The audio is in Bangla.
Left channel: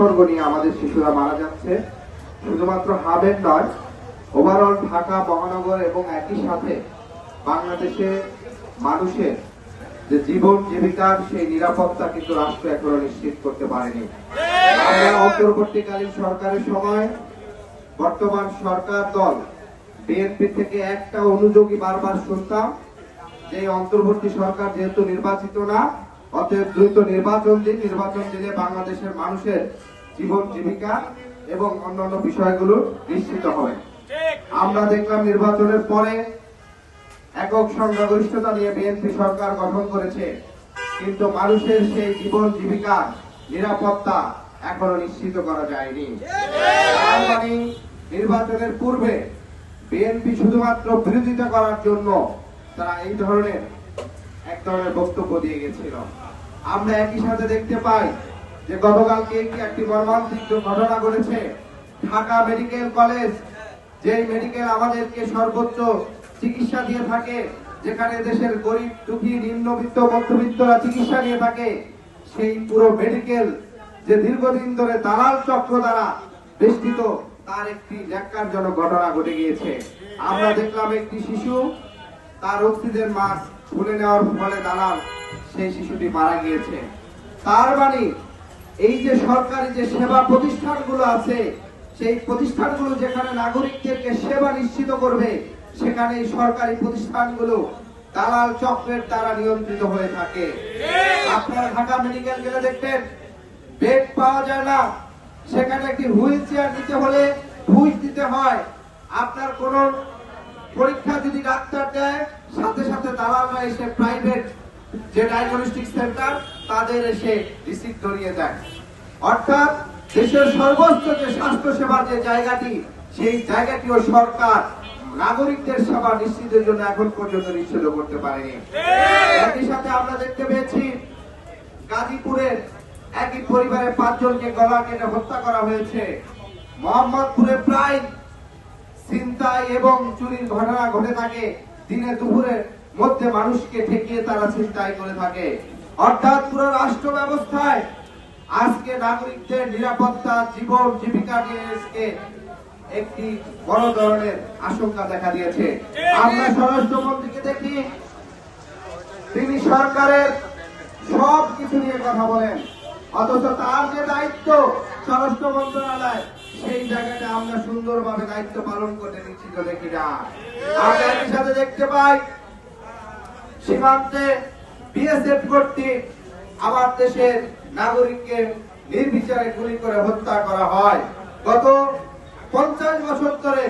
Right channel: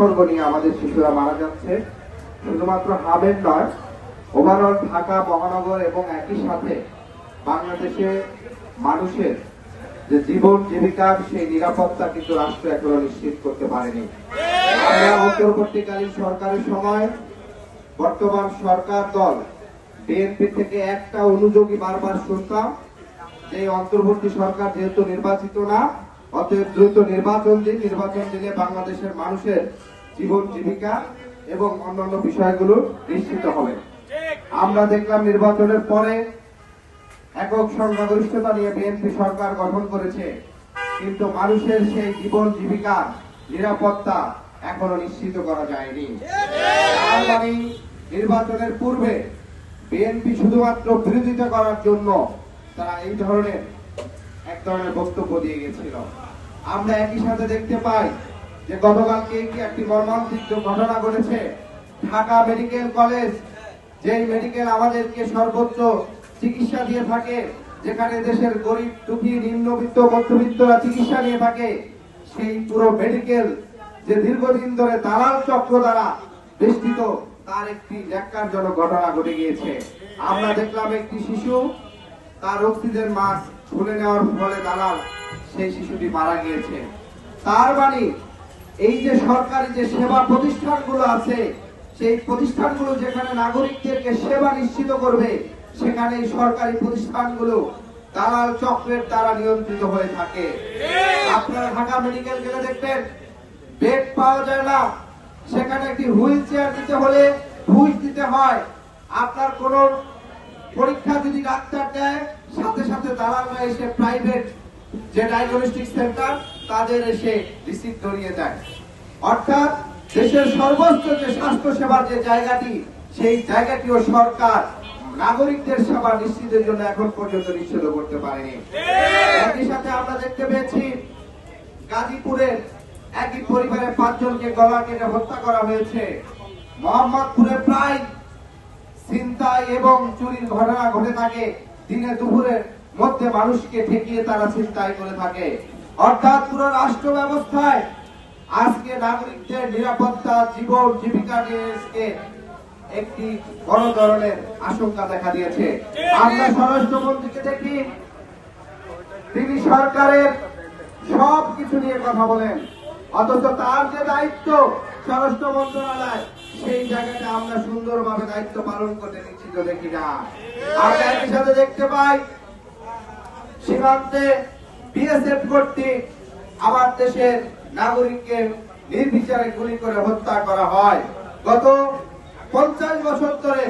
উপসর্গ নিয়ে আমাদের শিশুরা মারা যাচ্ছে। শুধুমাত্র হাবের নয়, ওভারঅল ঢাকা মহানগর এবং একই সাথে বাংলাদেশে মানুষের যে জীবন জীবিকার সেই নিরাপত্তা কিন্তু রাষ্ট্র এখনো নিশ্চিত করতে পারেনি। আমরা অন্তর্বর্তীকালীন সরকারের সময় বর্তমান সরকার দল বিএনপি থেকে একটা অনুযোগী বারবার শুনতাম যে অন্তর্বর্তী সরকার যেহেতু নির্বাচিত না, অতএব দ্রুত নির্বাচন দিলে বাংলাদেশের মানুষের জীবন জীবিকা এবং অন্যান্য বিষয়গুলো নিশ্চিত হবে। আমরা দেখলাম নির্বাচনের পরে একক সংখ্যাগরিষ্ঠতা নিয়ে বিএনপি সরকার গঠন করেছে, কিন্তু মানুষের সেই জীবন জীবিকা নিরাপত্তা এখনো নিশ্চিত করা যায়নি। তার মানে নির্বাচনের পূর্বে বিএনপি শুধুমাত্র বিরোধিতা করার জন্য তারা এই ধরনের এক ধরনের বক্তব্য দিয়ে গেছিল। আমরা একই সাথে দেখতে পাই যে গতকালকে একটি মর্মান্তিক ঘটনা ঘটেছে। ঢাকা মেডিকেল কলেজ, যে মেডিকেল আমাদেরকে সর্বোচ্চ চিকিৎসা দিয়ে থাকে, যেখানে দেশের গরিব দুঃখী নিম্নবিত্ত মধ্যবিত্তরা চিকিৎসা নিয়ে থাকে, সেই পুরো মেডিকেল যে দীর্ঘদিন ধরে দালাল চক্র দ্বারা বেষ্টিত, তার একটি ন্যাক্কারজনক ঘটনা ঘটে গিয়েছে। আমরা দেখলাম একটি শিশু তার অক্সিজেন মাস্ক খুলে নেওয়ার ফলে দালাল সেই শিশুটি মারা গিয়েছে। তার মানে এই যে সরকারি যে সেবা প্রতিষ্ঠানগুলো আছে, সেই প্রতিষ্ঠানগুলো যেখানে নাগরিকদেরকে সেবা নিশ্চিত করবে, সেখানে এই সরকারি প্রতিষ্ঠানগুলো দালাল চক্রের দ্বারা নিয়ন্ত্রিত হয়ে থাকে। আপনারা ঢাকা মেডিকেল গেলে দেখবেন বেড পাওয়া যায় না, সেখানে একটি হুইল চেয়ার দিতে হলে ঘুষ দিতে হয়। আপনার কোন পরীক্ষা যদি ডাক্তার দেয়, সাথে সাথে দালালরা এসে প্রাইভেট যে ডায়াগনস্টিক সেন্টার তাদের এসে রিসিট ধরিয়ে দেয়। অর্থাৎ দেশের সর্বোচ্চ যে স্বাস্থ্য সেবার যে জায়গাটি, সেই জায়গাটিও সরকার নাগরিকদের সেবা নিশ্চিতের জন্য এখন পর্যন্ত নিশ্চিত করতে পারেনি। একই সাথে আমরা দেখতে পেয়েছি গাজীপুরের একই পরিবারের 5 জনকে গলা কেটে হত্যা করা হয়েছে। মোহাম্মদপুরে প্রায় ছিনতাই এবং চুরির ঘটনা ঘটে থাকে, দিনে দুপুরের মধ্যে মানুষকে ঠেকিয়ে তারা ছিনতাই করে থাকে। অর্থাৎ পুরো রাষ্ট্র ব্যবস্থায় আজকে নাগরিকদের নিরাপত্তা জীবন জীবিকা নিয়ে একটি বড় ধরনের আশঙ্কা দেখা দিয়েছে। আমরা স্বরাষ্ট্রমন্ত্রীকে দেখি, তিনি সরকারের সব কিছু নিয়ে কথা বলেন, অথচ তার যে দায়িত্ব স্বরাষ্ট্র মন্ত্রণালয়, সেই জায়গাটা আমরা সুন্দরভাবে দায়িত্ব পালন করতে নিশ্চিত দেখি না। আমরা একই সাথে দেখতে পাই সীমান্তে বিএসএফ কর্তৃক আমার দেশের নাগরিককে নির্বিচারে গুলি করে হত্যা করা হয়। গত 50 বছর ধরে